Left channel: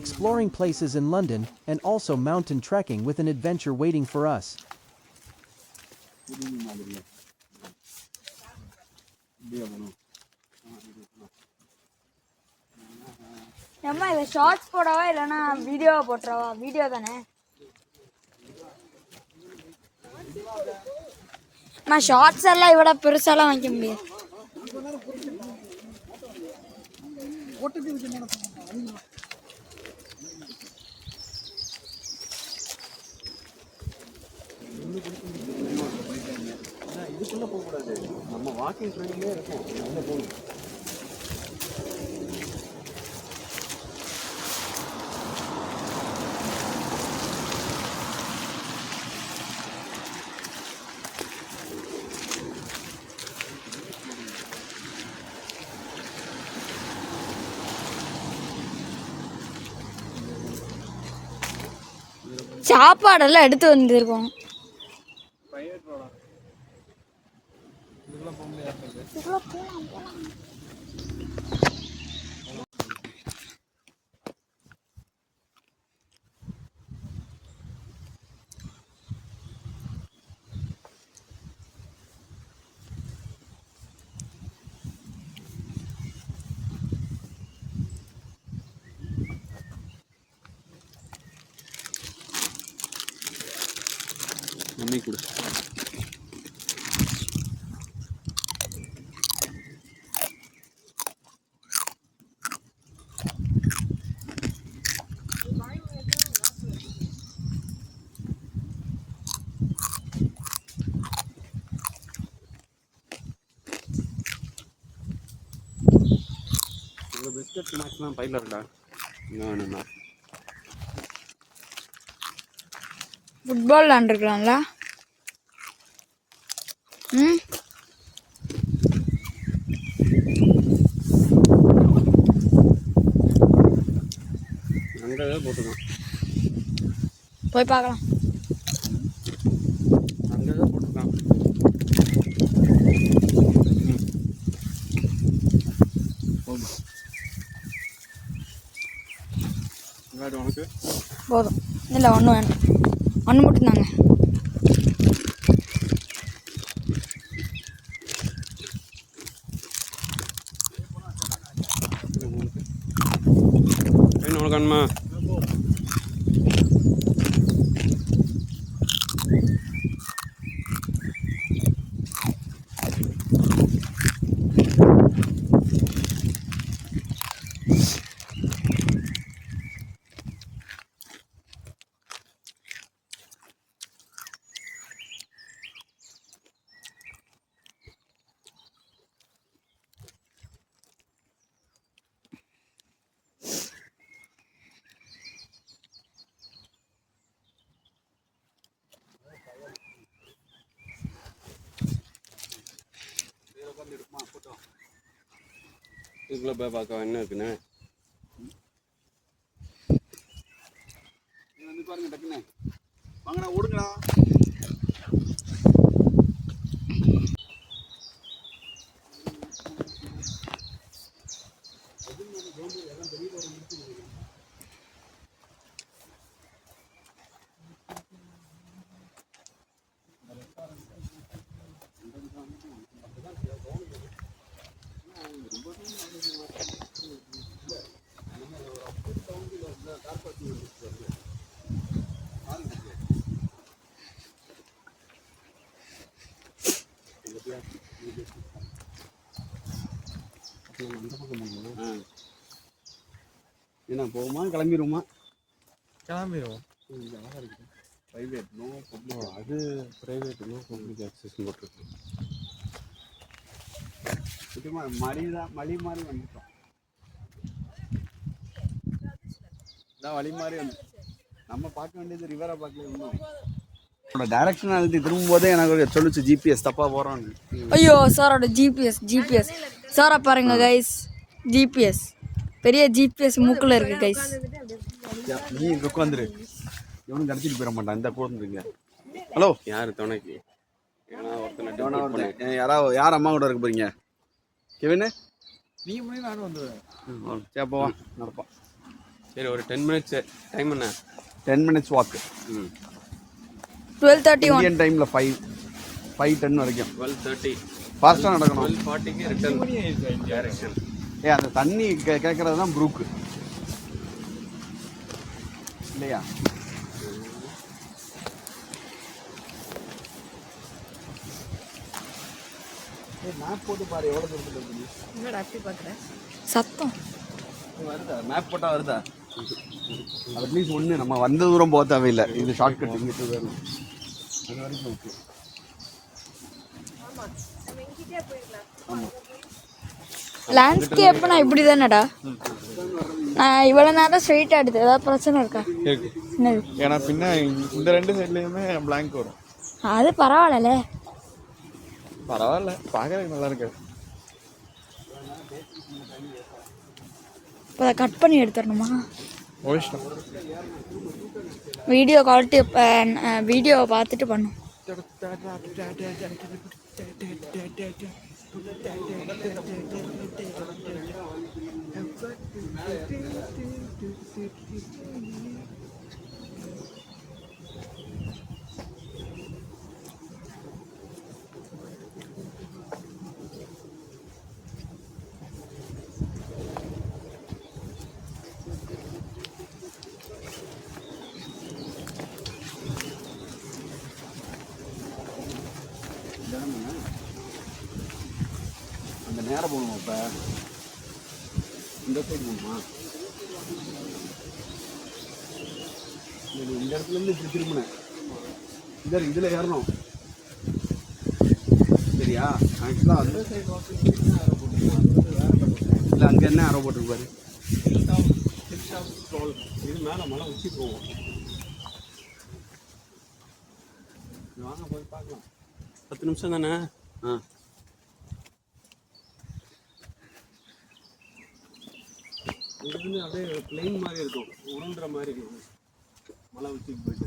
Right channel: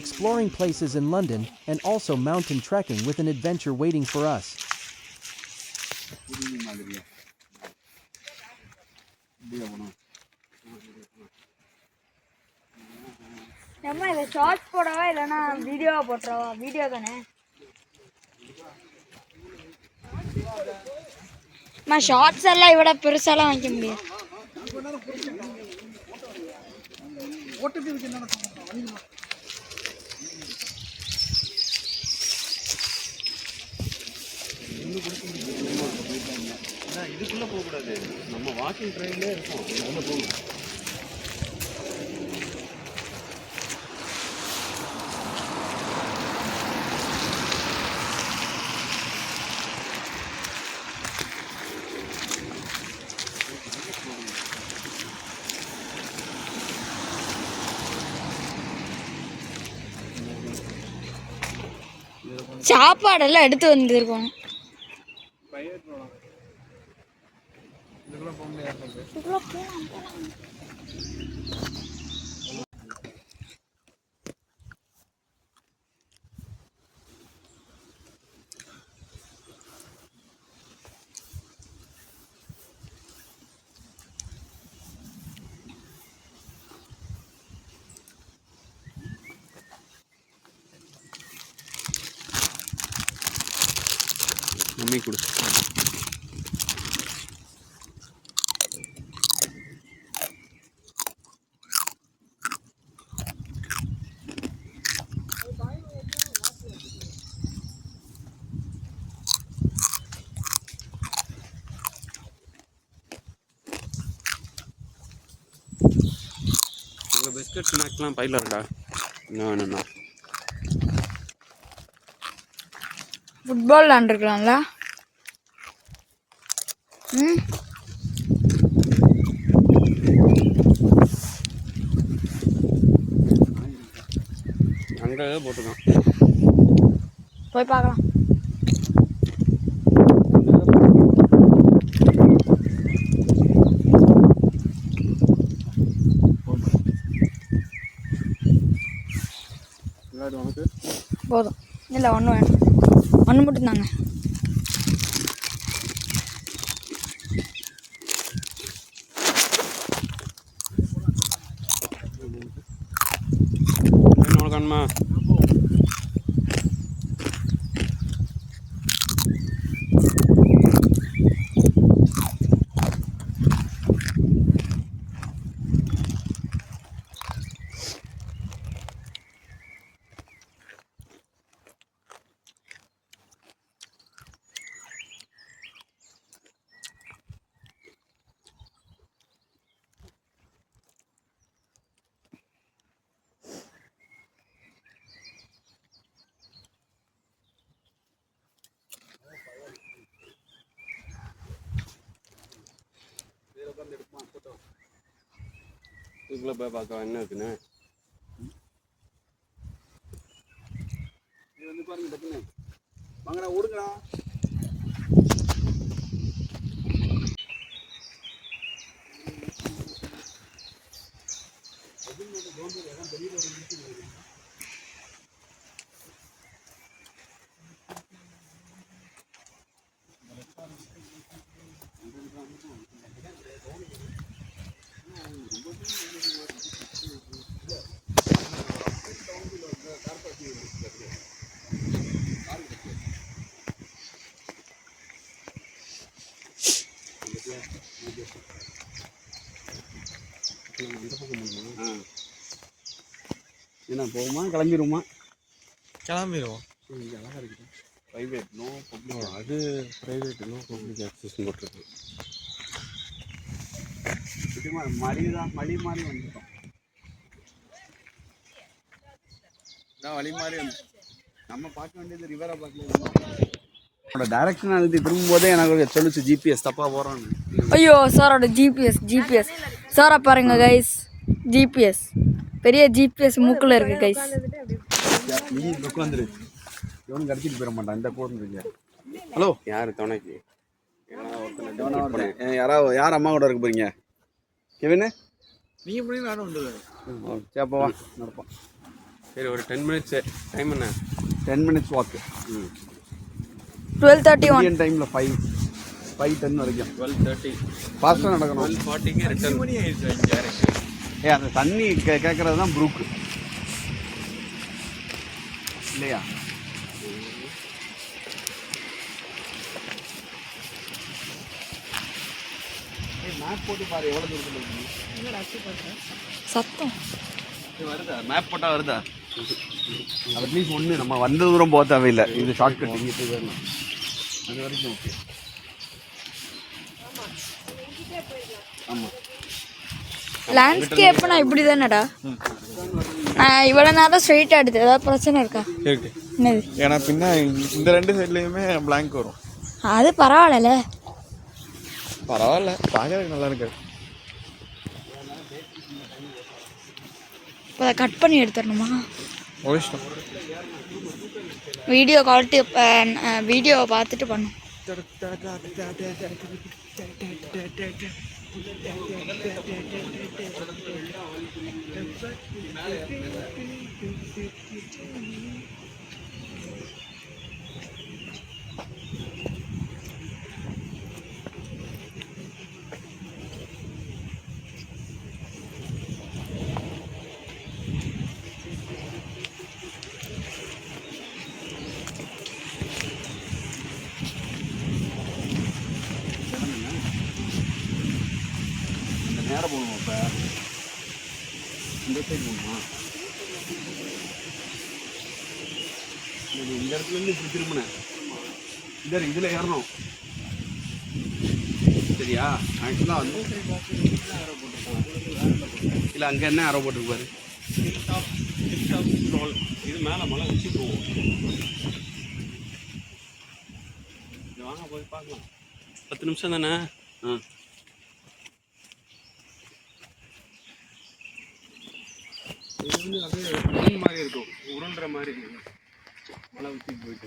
exploring places in London, and also mountain trekking with an adventure waiting for us. அம்மா இத shorts போடவா இல்லனா வீடியோவா போட்றவா? வீடியோ தானே. அம்மா ஷார்ட்ஸ் எல்லாம் இவட பெருசாலாம் வைக்க முடியாது. இதுக்குள்ள போக கூடாது. நம்ம வாக்கிங் ட்ரெயின்ல இருக்கும். உள்ள போகணும். சாப்பாடெல்லாம் எடுத்து வந்திருக்கோம். இதுக்குள்ள போலாம். மம்மி கொடு. பிஸ்கட் ஸ்நாக்ஸ்லாம் பையில இருக்கா? என்ன வேணும்னா ஃபுட்பால் விளாண்டுருக்கலாம்ல. அங்கே போட்டுருக்கான். போய் பார்க்கலாம். போதும் இல்லை, ஒன்று வேணும். ஒன்று மட்டும் தாங்க. உனக்கு இதுக்குள்ள போய் பார்க்க என்ன இருக்குன்னு வந்து பாருங்க. டக்குன்னு வாங்கடா, ஓடுங்கடா. என்ன போகுமா கிளம்பிடுமா? கிளம்பிடுவோம். அழகாக இருக்குது. Private no public. அது ப்ரைவேட் நோ பப்ளிக் ஆக்சஸ் போட்டிருக்கு. மடி மாதிரி வந்துட்டோம். வழி மாதிரி வந்து நம்ம பார்க்க வேண்டியது ரிவரை பார்க்கல. டைரக்ஷன் அழுத்தி திரும்பும்போதே எனக்கு சொல்லிச்சு ஜிபிஎஸ் தப்பாக போகிறோன்னு. ஐயோ சாரோட ஜிபிஎஸ் சாரை பாருங்க கைஸ். ஜிபிஎஸ் பெரிய ஜிபிஎஸ் மூக்கில் இருக்கு கைஸ். நீ புக் வந்துரு. எவனும் கடிச்சிட்டு போயிட மாட்டான். இந்த போதுங்க. ஹலோ, யார் துணைக்கு? யார் அம்மா கூட இருக்க போறீங்க? கெவின் நீ நானும் வந்துடுவேன். சேப்பவா நடப்பான். சரி ஒரு 10 மினிட்ஸ் டைம் என்ன 10 மினிட்ஸ் வாக். 12:31. இந்தியன் டைமில் 5:10 வரைக்கும் 12:30 ஃபாஸ்ட்டாக நடக்கணும். 12:40க்கு ரிட்டர்ன் மணி ஆயிடுச்சு இங்கே இறங்கி. அந்த தண்ணி கேட்கறது தான் ப்ரூக்கு இல்லையா? மேப் போட்டு பாரு எவ்வளோ தூரத்தில் இருக்குது. சத்தம் இது வருதா? மேப் போட்டால் வருதா? அட்லீஸ்ட் ஒன்று நம்ம வந்த தூரம் போக தேவையில்லை. இது ஷார்ட்கட் இங்கிட்டு போயிடலாம். அது வரைக்கும் ஓகே. ஆமாம் லேண்ட்ஸ்கேப்னா இப்படி தானடா. இவ்வளோ நேரம் ஸ்ட்ரெயிட்டாக எடுத்து ஏதாவது பிரச்சனை இருக்கா? இருக்கு. என்னது? ஏன்னா பின்ன இந்த 2 சைட்லேயுமே பிளாங்க் வரும். அது பரவாயில்லல. பரவாயில்ல, பார்க்கறதுக்கு நல்லா இருக்கு. இப்போ அதை கட் பண்ணி எடுத்துடணுமா? ஓயிஷ்டம். வீடியோ குவாலிட்டி வீடியோவை பார்த்துட்டு பண்ணும். அந்த நேரம் போகணுமா? இப்போ இந்த சைடு போகணுமா? இந்த இடத்துலேருந்து இப்படி திரும்பினேன். இதில் ஏறணும் சரியா? ஆக்சுவலாக அந்த சைடு இல்லை, அங்கே என்ன ஆரோ போட்டிருப்பாரு? இது மேலே மலை உச்சி போவோம். வாங்க போய் பார்க்கலாம். 10 நிமிஷம் தானே? ஆ இது வந்து அப்படியே மீன் மாதிரி இருக்கும், உருண்டுற மாதிரி இருக்கும் மலை உச்சிக்கு போயிட்டு.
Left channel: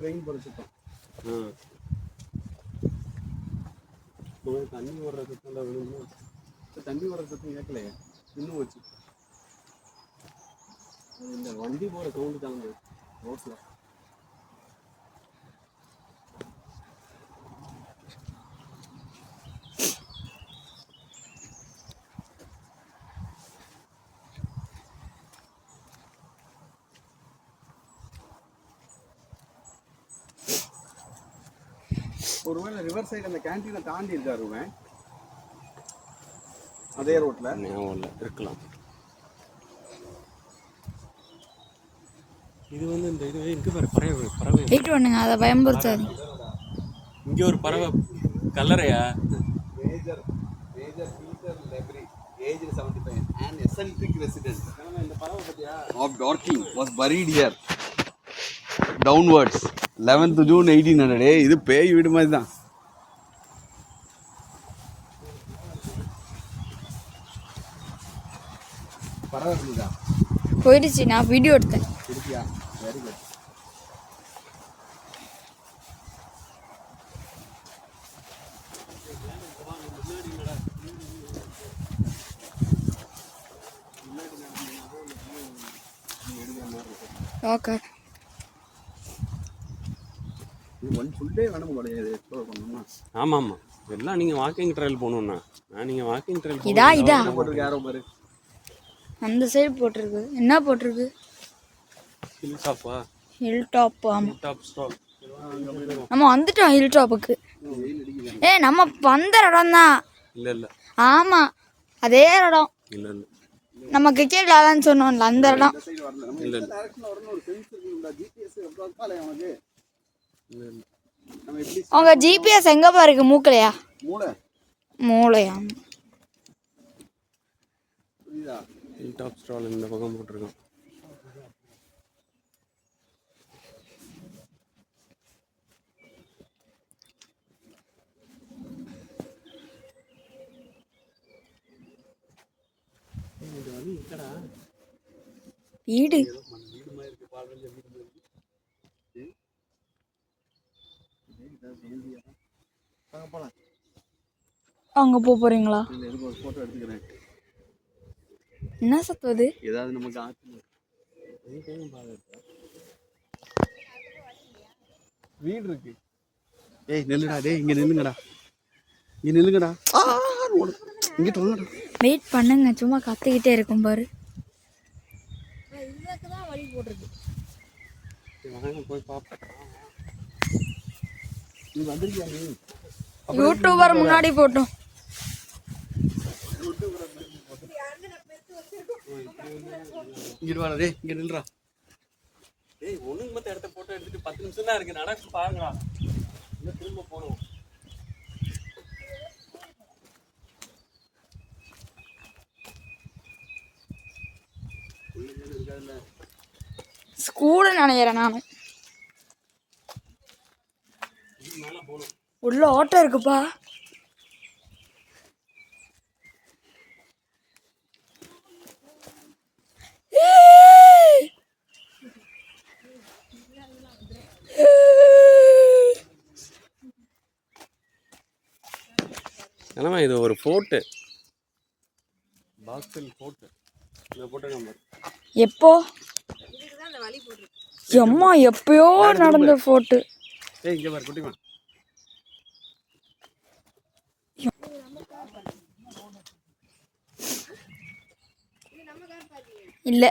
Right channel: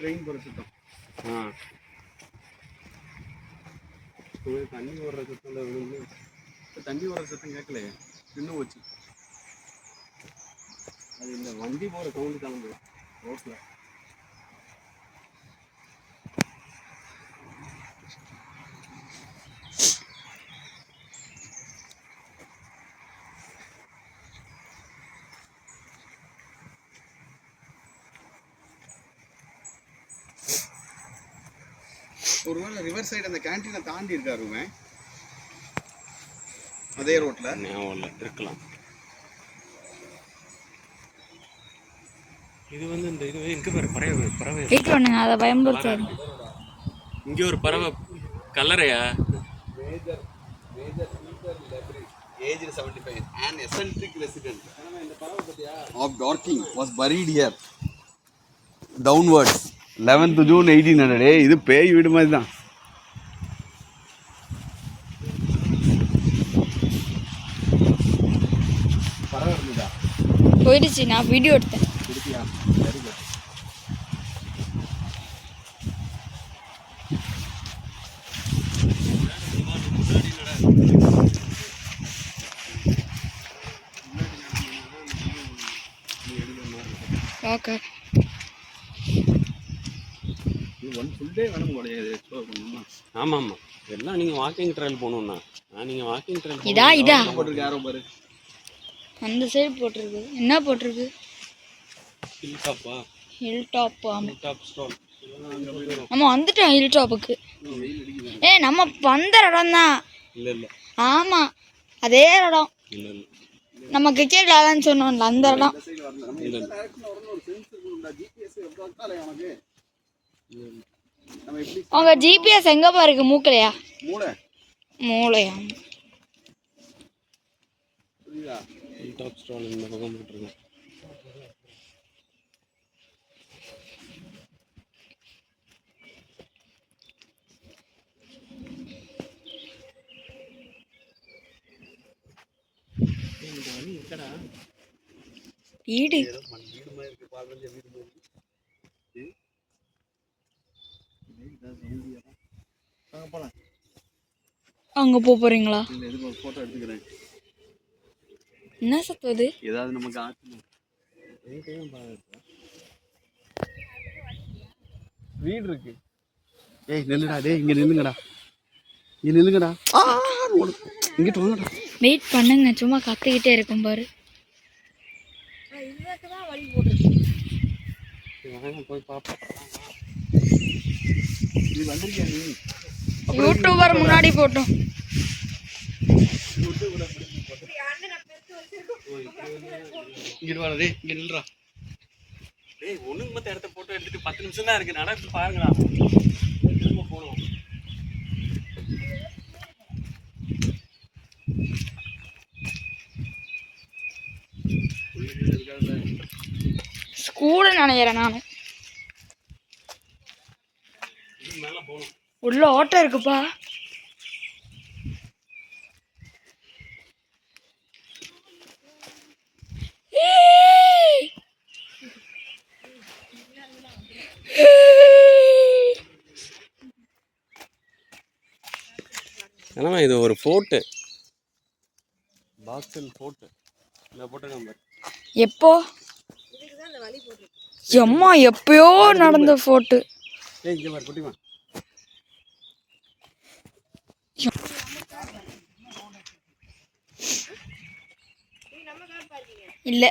ட்ரெயின் போகிற சுத்தம். தண்ணி ஓடுற சத்தம் தான் வேணும்னு. தண்ணி ஓடுற சத்தம் கேட்கலையே, இன்னும் வச்சு அது இந்த வண்டி போகிற கவுண்டு தான் ரோட்டில். ஒருவேளை ரிவர் சைடு அந்த கேன்டீனை தாண்டி இருக்காருமே அதே ரோட்டில் இருக்கலாம். இது வந்து இந்த இது இங்கே ஒரு பறவை வெயிட் பண்ணுங்க, அதை பயன்படுத்தாது. இங்கே ஒரு பறவை கல்லறையா? Major Peter Lepri, aged 75, an eccentric resident of Dorking was buried here downwards 11th June 1800. இது பேய் வீடு மாதிரி தான். பறவை இருந்ததா? போயிடுச்சு, நான் வீடியோ எடுத்தேன். இருக்கியா? Very good. ஓகே, இது ஒன் ஃபுல் டே வேணும் போல எக்ஸ்ப்ளோர் பண்ணணும்னா. ஆமாம் ஆமாம், எல்லாம் நீங்கள் வாக்கிங் ட்ரையல் போகணுன்னா நீங்கள் வாக்கிங் ட்ரையல் இதா போட்டிருக்கு யாரோ பாரு. அந்த சைடு போட்டிருக்கு. என்ன போட்டிருக்கு? ஹில் டாப்பா? Hill top. ஆமாம், ஹில் டாப் ஸ்டாப். நம்ம வந்துட்டோம் ஹில் டாப்புக்கு. நம்ம வந்த இடம் தான். இல்லை இல்லை ஆமாம், அதே இடம். இல்லை இல்லை நம்ம கிரிக்கெட் விளாட்லான்னு சொன்னோம்ல, அந்த இடம். இல்லை உங்க ஜிபிஎஸ் எங்க பாருக்கு? மூக்கலையா? மூளை மூளையா? புரியுதா? ஹில் டாப் ஸ்டால் இந்த பக்கம் போட்டிருக்கோம். வீடு அங்கே போக போகிறீங்களா? இல்லை எதுக்கு ஒரு ஃபோட்டோ எடுத்துக்கிறேன். என்ன சத்தம் அது? ஏதாவது நமக்கு ஆச்சு வீடு இருக்கு. ஏய் நில்லுடா, டேய் இங்கே நில்லுங்கடா, இங்கே நில்லுங்கடா, இங்கிட்டு வாங்கடா. வெயிட் பண்ணுங்க, சும்மா கத்திக்கிட்டே இருக்கும் பாரு. போய் பார்ப்போம். நீ வந்திருக்கியா நீ? யூடியூபர் முன்னாடி போட்டோம். இங்கிட்டு வாடா, டேய் இங்கே நில்றா. டேய் ஒண்ணுக்கு மத்த இடத்த போட்டோ எடுத்துட்டு 10 நிமிஷம் தான் இருக்கு, நடந்து பாருங்கடா. திரும்ப போகணும். ஸ்கூலு நினைக்கிறேன் நானும். உள்ள ஓட்டம் இருக்குப்பா. என்னமா இது ஒரு ஃபோர்ட்டு, பாக்ஸில் ஃபோர்ட்டு. இந்த ஃபோட்டோ நம்பர் எப்போ? எம்மா எப்பயோ நடந்த ஃபோட்டு. ஏய் இங்கே பாரு குட்டிமா. இல்லை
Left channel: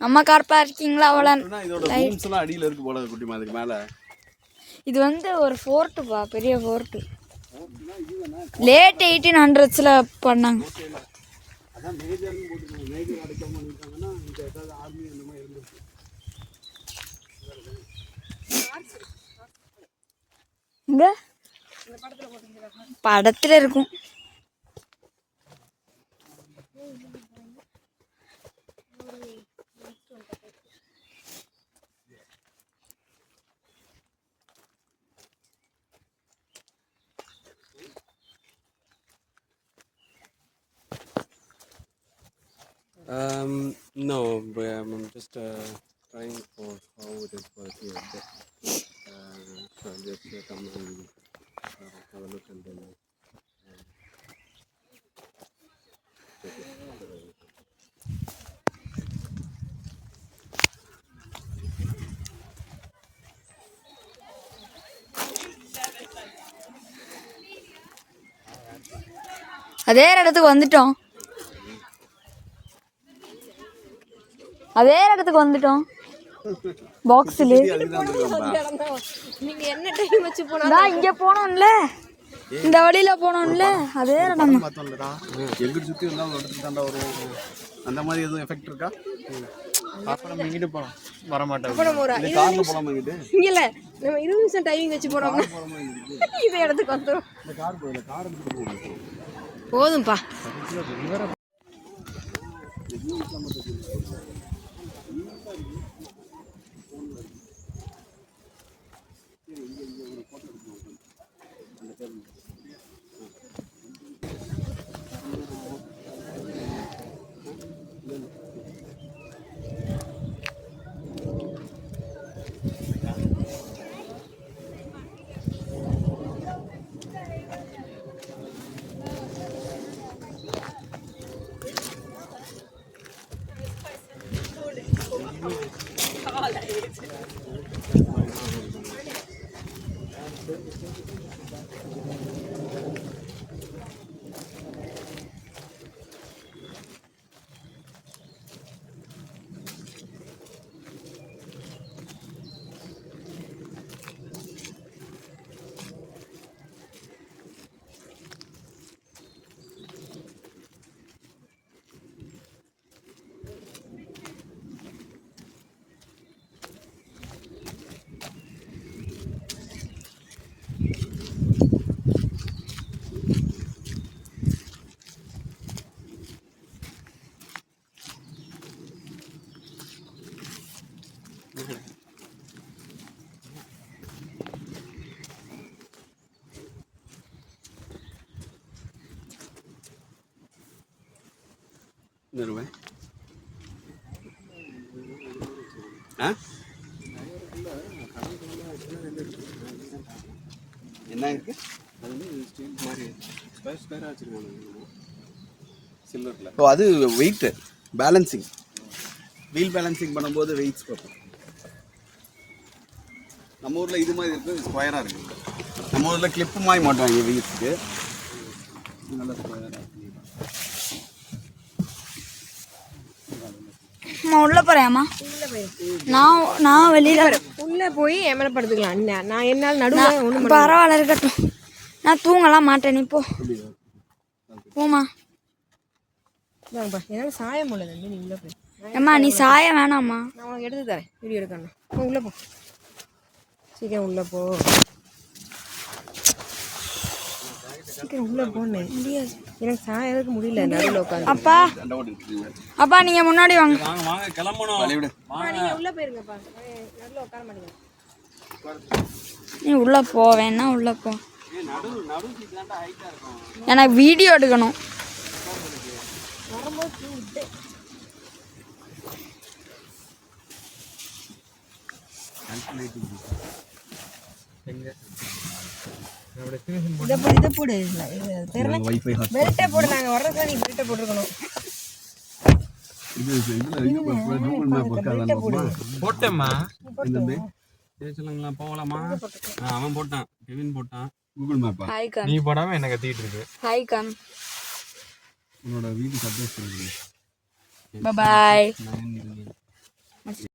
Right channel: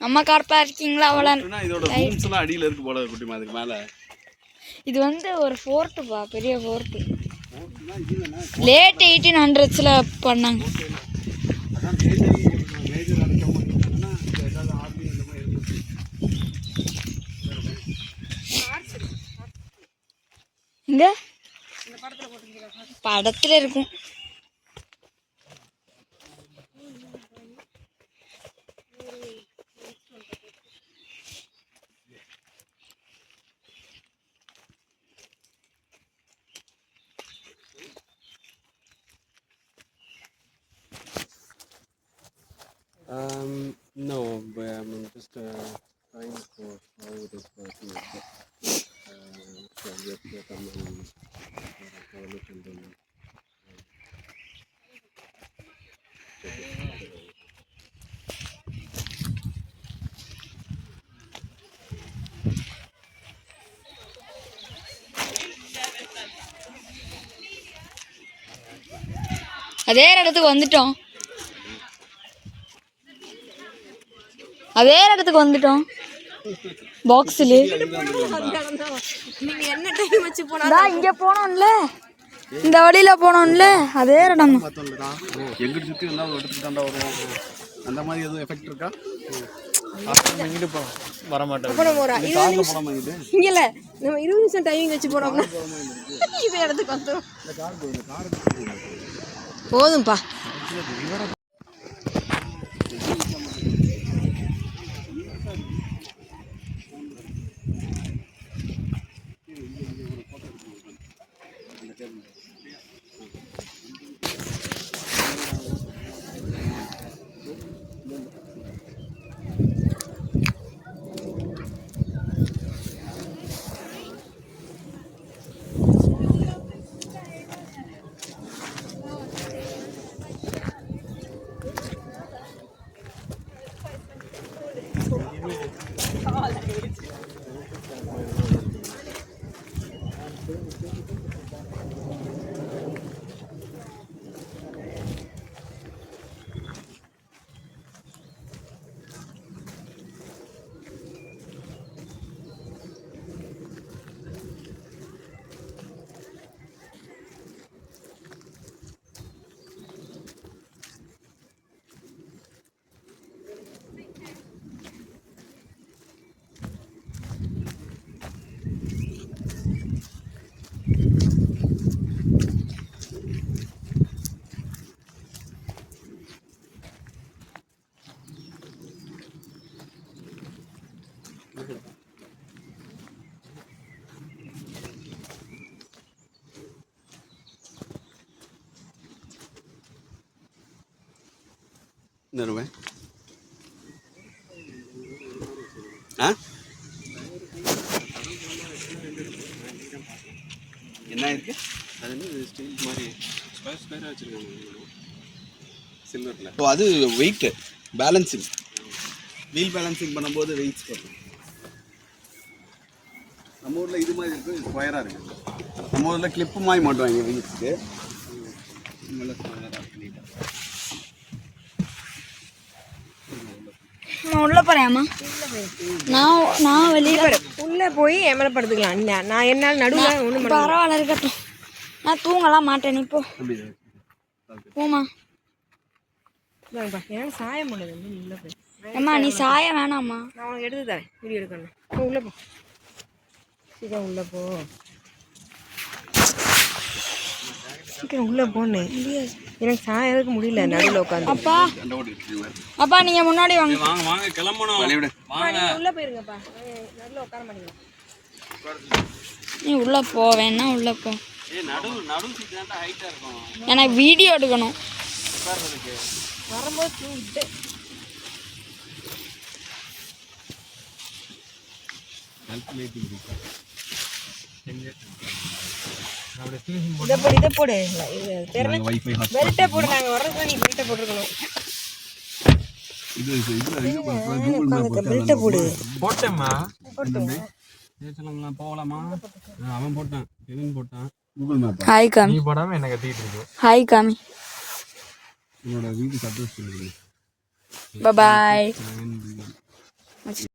நம்ம கார் பார்க்கிங்ல அவ்வளோ. இதோட ரூம்ஸ் எல்லாம் அடியில இருக்கு போல குட்டிமா, அதுக்கு மேல. இது வந்து ஒரு ஃபோர்ட்டுப்பா, பெரிய ஃபோர்ட்டு. லேட் 1800s பண்ணாங்க. அதான் மேஜர் அடைக்க மாட்டாங்கன்னா ஏதாவது ஆர்மி இந்த மாதிரி இருந்துச்சு. இங்க படத்துல இருக்கும். No, but I'm just trying for how it is working. So just come and have a look and then check it. அதே இடத்துக்கு வந்துட்டோம். அதே இடத்துக்கு வந்துட்டோம். பாக்ஸில் இங்கே போனோம்ல, இந்த வழியில் போனோம்ல, அதே இடம் தான். எங்கிட்ட சுற்றி வந்தால் ஒரு இடத்துக்கு தாண்டா வருவோம். அந்த மாதிரி எதுவும் எஃபெக்ட் இருக்கா? இங்கிட்டு போகலாம், வரமாட்டேன். இல்லை காரில் போகலாமா? இங்கிட்டு இல்ல நம்ம 20 நிமிஷம் டைமிங் வச்சு போறோம். இந்த இடத்துக்கு வந்துரும். இந்த கார் போகுது, கார் போதும்பா. என்ன ஆ என்ன இருக்கு? அது வந்து ஸ்டீல் மாதிரி ஸ்கொயராக வச்சுருக்காங்க சில்வரில். ஓ, அது வெயிட் பேலன்சிங், வீல் பேலன்சிங் பண்ணும்போது வெயிட்ஸ் போகும். நம்ம ஊரில் இது மாதிரி இருக்குது, ஸ்கொயராக இருக்குது. நம்ம ஊரில் கிளிப்பு மாதிரி மாட்டுவாங்க வீல்ஸுக்கு, நல்லா ஸ்கொயராக பண்ணிட்டு. அம்மா உள்ளே போகிறேம்மா. நான் வெளியில் உள்ளே போய் என் மேலே படுத்துக்கலாம். நான் என்னால் நடுவில் பரவாயில்ல இருக்கட்டும். நான் தூங்கலாம் மாட்டேன். நீ போ போமா. என்னால் சாய முடியாது. நீ உள்ளே போய் அம்மா நீ சாய வேணாம்மா. நான் உனக்கு எடுத்து தரேன், வீடியோ எடுக்கணும். நீ உள்ளே போ, சீக்கிரம் உள்ளே போ, சீக்கிரம் உள்ளே போன்னு. முடியாது, எனக்கு சாயறதுக்கு முடியல நடுவில் உட்காந்து. அப்பா அப்பா நீங்கள் முன்னாடி வாங்க. வாங்க வாங்க கிளம்பணும். வாங்க உள்ளே போயிருங்கப்பா, நடுவில் உட்கார மாட்டேங்க. நீ உள்ளே போ, வேணா உள்ளே போ. நடு சீட் தான் ஹைட்டாக இருக்கும். எனக்கு வீடியோ எடுக்கணும். வரும்போது தூங்கிட்டு இதை போடு வைஃபை பெல்ட்டை போடு. நாங்கள் வர்றதுக்கு நீ பெல்ட்டை போட்டுருக்கணும். பெல்ட்டை போடு. போட்டேம்மா. சொல்லுங்களா போகலாமா? அவன் போட்டான், கெவின் போட்டான். கூகுள் மேப் ஹாய் காமி. நீ போடாமல் என்ன கத்திக்கிட்டு இருக்கு. ஹாய் காமி. உன்னோட வீடு அட்ரஸ் சொல்லுங்க. பாய்.